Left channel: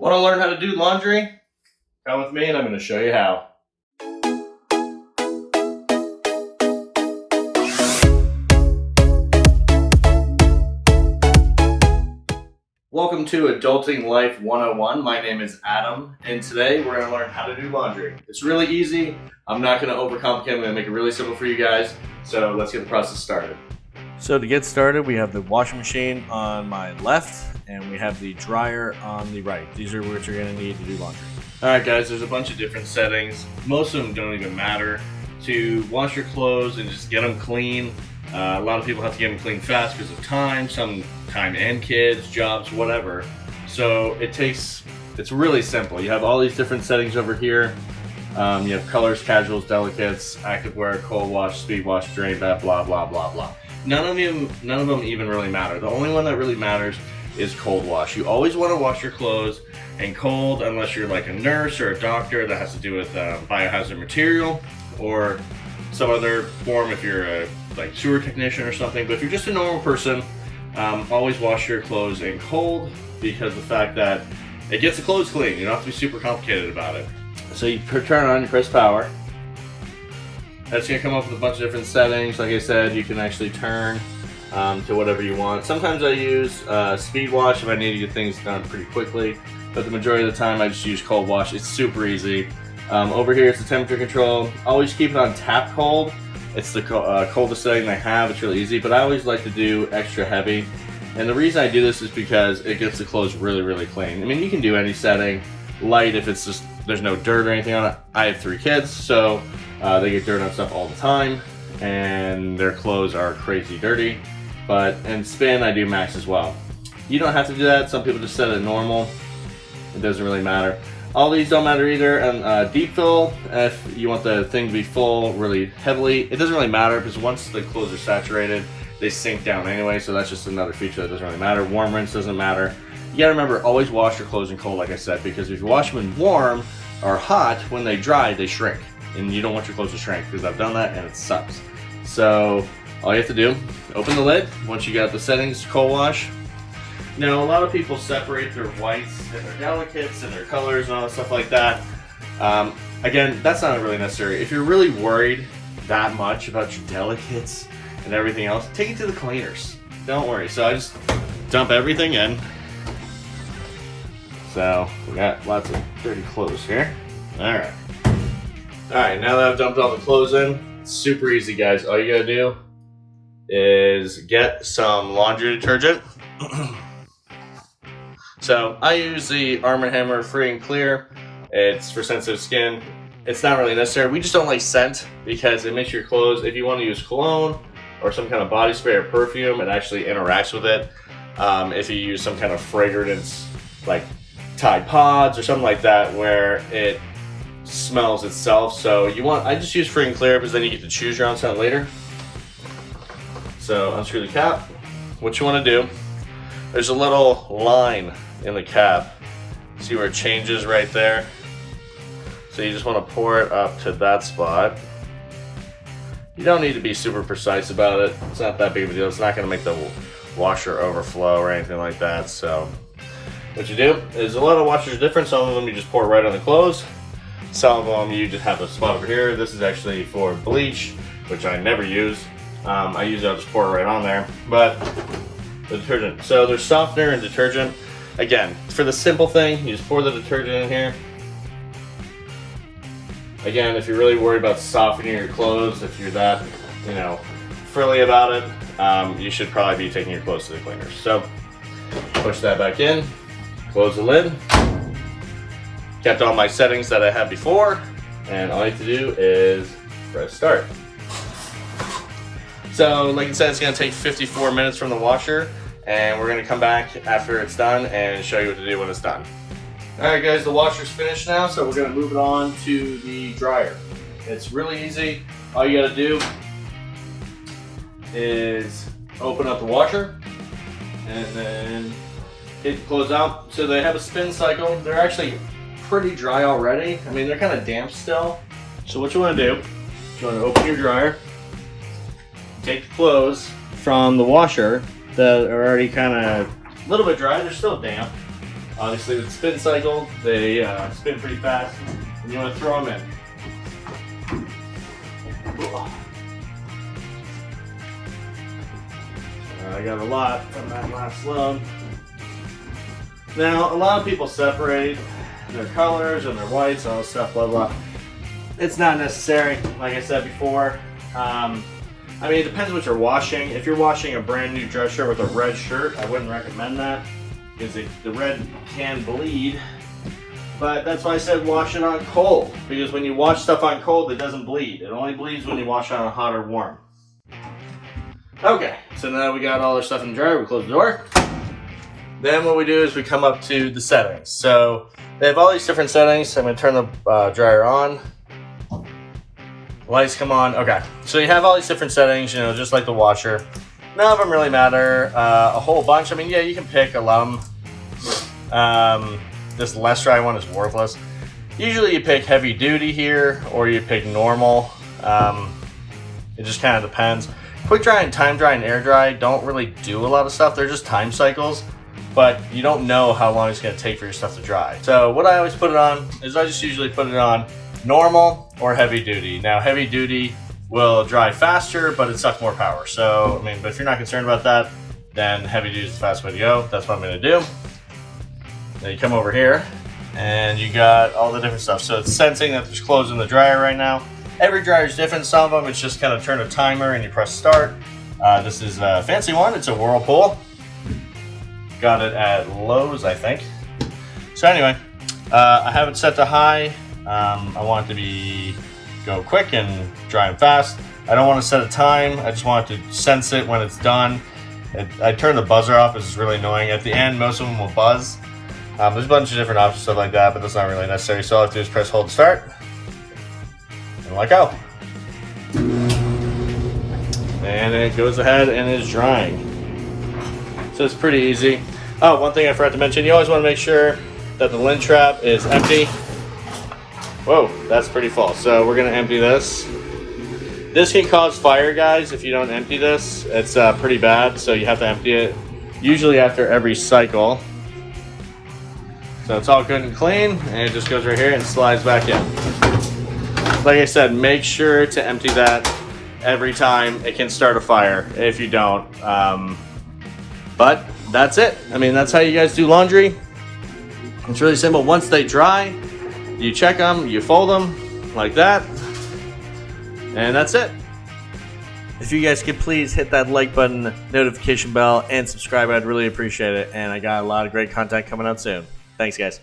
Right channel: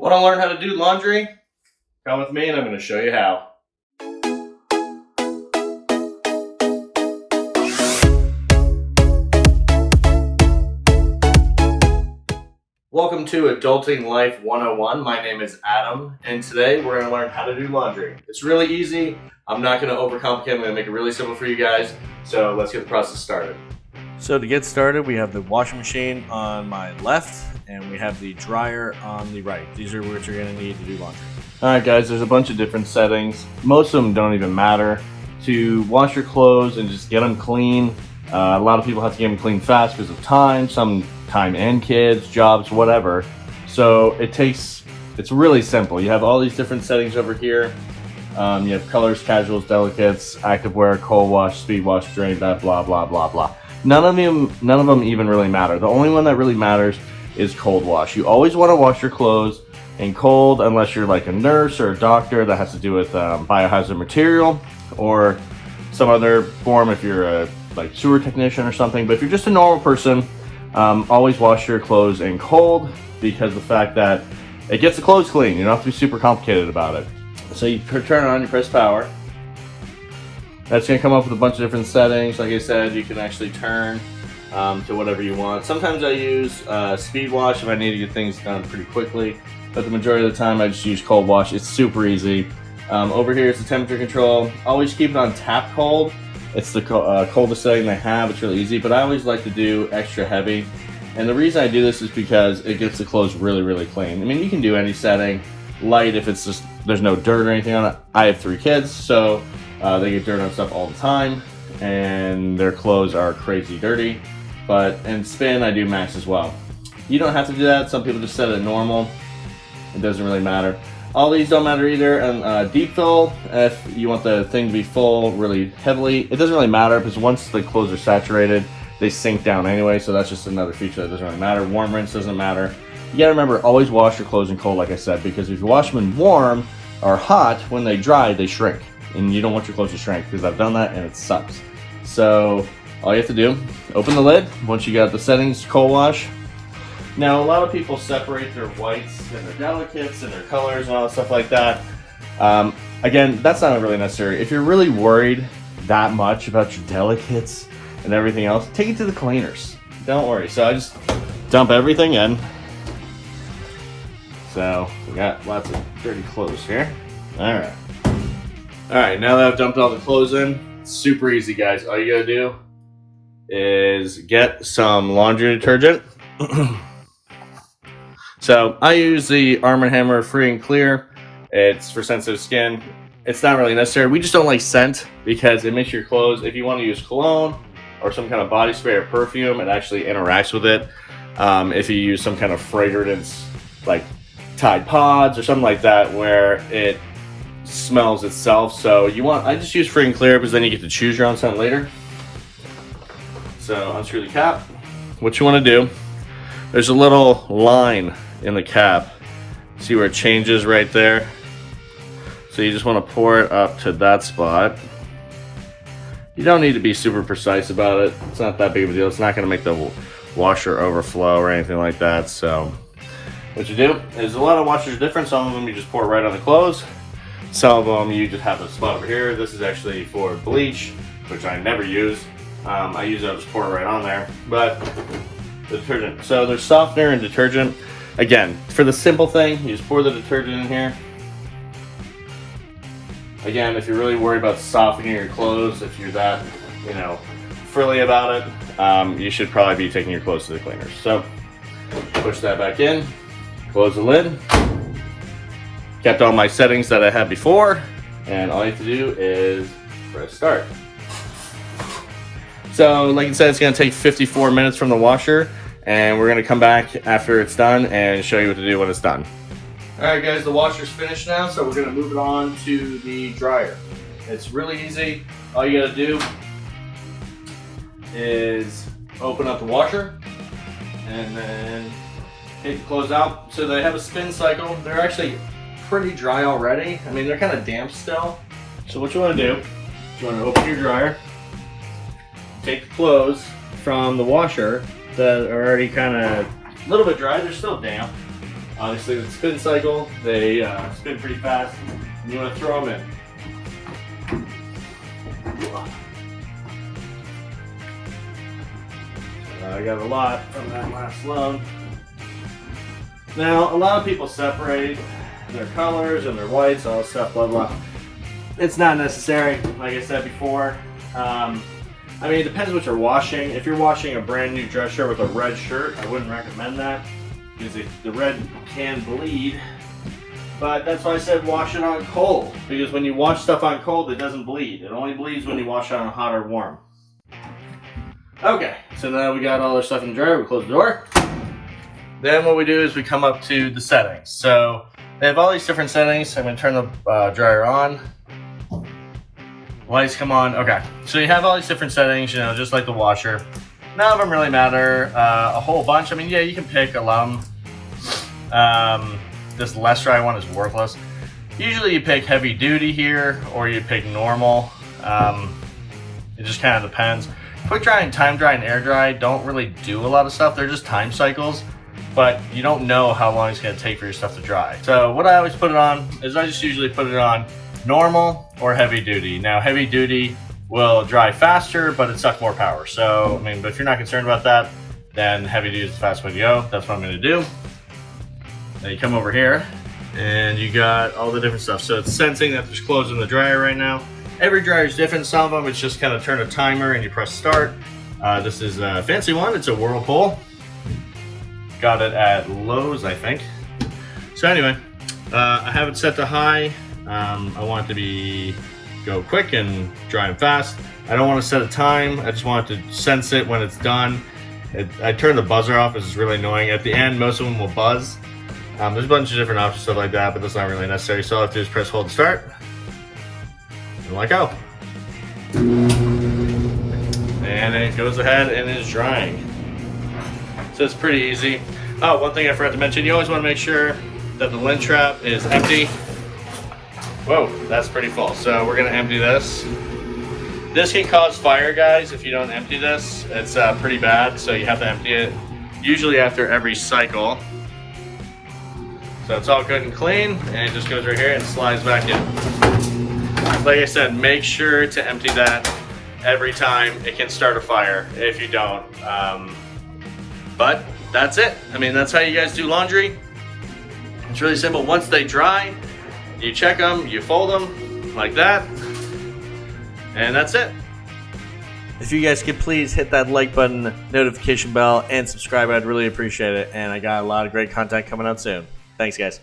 Want to learn how to do laundry? Come with me and I'm going to show you how. Welcome to Adulting Life 101. My name is Adam, and today we're going to learn how to do laundry. It's really easy. I'm not going to overcomplicate. I'm going to make it really simple for you guys. So let's get the process started. So to get started, we have the washing machine on my left, and we have the dryer on the right. These are what you're going to need to do laundry. Alright guys, there's a bunch of different settings. Most of them don't even matter. To wash your clothes and just get them clean. A lot of people have to get them clean fast because of time, some time and kids, jobs, whatever. So it's really simple. You have all these different settings over here. You have colors, casuals, delicates, activewear, cold wash, speed wash, drain, blah, blah, blah, blah, blah. None of them even really matter. The only one that really matters is cold wash. You always want to wash your clothes in cold unless you're like a nurse or a doctor that has to do with biohazard material or some other form if you're a like sewer technician or something. But if you're just a normal person, always wash your clothes in cold because the fact that it gets the clothes clean. You don't have to be super complicated about it. So you turn it on, you press power. That's going to come up with a bunch of different settings. Like I said, you can actually turn to whatever you want. Sometimes I use speed wash if I need to get things done pretty quickly, but the majority of the time I just use cold wash. It's super easy. Over here it's the temperature control. Always keep it on tap cold. It's the coldest setting I have. It's really easy, but I always like to do extra heavy. And the reason I do this is because it gets the clothes really, really clean. I mean, you can do any setting. Light if it's just there's no dirt or anything on it. I have 3 kids, so they get dirt on stuff all the time, and their clothes are crazy dirty. But in spin, I do max as well. You don't have to do that. Some people just set it normal. It doesn't really matter. All these don't matter either. And deep fill, if you want the thing to be full really heavily, it doesn't really matter because once the clothes are saturated, they sink down anyway. So that's just another feature that doesn't really matter. Warm rinse doesn't matter. You gotta remember, always wash your clothes in cold, like I said, because if you wash them in warm or hot, when they dry, they shrink. And you don't want your clothes to shrink, because I've done that and it sucks. So all you have to do, open the lid. Once you got the settings, cold wash. Now a lot of people separate their whites and their delicates and their colors and all that stuff like that. Again, that's not really necessary. If you're really worried that much about your delicates and everything else, take it to the cleaners. Don't worry. So I just dump everything in. So we got lots of dirty clothes here. Alright, now that I've dumped all the clothes in, it's super easy guys. All you gotta do is get some laundry detergent. So I use the Arm & Hammer Free and Clear. It's for sensitive skin. It's not really necessary. We just don't like scent because it makes your clothes, if you want to use cologne or some kind of body spray or perfume, it actually interacts with it. If you use some kind of fragrance like Tide Pods or something like that where it smells itself. So I just use Free and Clear because then you get to choose your own scent later. So unscrew the cap. What you want to do, there's a little line in the cap. See where it changes right there? So you just want to pour it up to that spot. You don't need to be super precise about it. It's not that big of a deal. It's not going to make the washer overflow or anything like that. So what you do is a lot of washers are different. Some of them you just pour right on the clothes. Some of them you just have a spot over here. This is actually for bleach, which I never use. I usually just pour it right on there. But the detergent. So there's softener and detergent. Again, for the simple thing, you just pour the detergent in here. Again, if you're really worried about softening your clothes, if you're that, frilly about it, you should probably be taking your clothes to the cleaners. So push that back in. Close the lid. Kept all my settings that I had before, and all you have to do is press start. So like I said, it's going to take 54 minutes from the washer, and we're going to come back after it's done and show you what to do when it's done. Alright guys, the washer's finished now, so we're going to move it on to the dryer. It's really easy. All you got to do is open up the washer and then hit close out. So they have a spin cycle. They're actually pretty dry already. I mean, they're kind of damp still. So what you want to do, you want to open your dryer, take the clothes from the washer that are already kind of a little bit dry. They're still damp. Obviously with spin cycle, they spin pretty fast, and you want to throw them in. I got a lot from that last load. Now, a lot of people separate their colors and their whites, all this stuff, blah, blah. It's not necessary, like I said before. I mean, it depends what you're washing. If you're washing a brand new dress shirt with a red shirt, I wouldn't recommend that, because the red can bleed. But that's why I said wash it on cold, because when you wash stuff on cold, it doesn't bleed. It only bleeds when you wash it on hot or warm. Okay, so now we got all our stuff in the dryer, we close the door. Then what we do is we come up to the settings. So they have all these different settings. I'm gonna turn the dryer on. Lights come on, okay. So you have all these different settings, you know, just like the washer. None of them really matter a whole bunch. I mean, yeah, you can pick a lot of them. This less dry one is worthless. Usually you pick heavy duty here, or you pick normal. It just kind of depends. Quick dry and time dry and air dry don't really do a lot of stuff. They're just time cycles, but you don't know how long it's gonna take for your stuff to dry. So what I always put it on is I just usually put it on normal or heavy duty. Now heavy duty will dry faster, but it sucks more power. So, I mean, but if you're not concerned about that, then heavy duty is the fast way to go. That's what I'm gonna do. Now you come over here and you got all the different stuff. So it's sensing that there's clothes in the dryer right now. Every dryer is different. Some of them, it's just kind of turn a timer and you press start. This is a fancy one. It's a Whirlpool. Got it at Lowe's, I think. So anyway, I have it set to high. I want it to go quick and dry and fast. I don't want to set a time. I just want it to sense it when it's done. I turn the buzzer off. This is really annoying. At the end, most of them will buzz. There's a bunch of different options, stuff like that, but that's not really necessary. So all I have to do is press hold to start. And let go. And it goes ahead and is drying. So it's pretty easy. Oh, one thing I forgot to mention, you always want to make sure that the lint trap is empty. Whoa, that's pretty full. So we're gonna empty this. This can cause fire, guys, if you don't empty this. It's pretty bad, so you have to empty it usually after every cycle. So it's all good and clean, and it just goes right here and slides back in. Like I said, make sure to empty that every time. It can start a fire if you don't. But that's it. I mean, that's how you guys do laundry. It's really simple. Once they dry, you check them, you fold them like that, and that's it. If you guys could please hit that like button, notification bell, and subscribe, I'd really appreciate it. And I got a lot of great content coming out soon. Thanks, guys.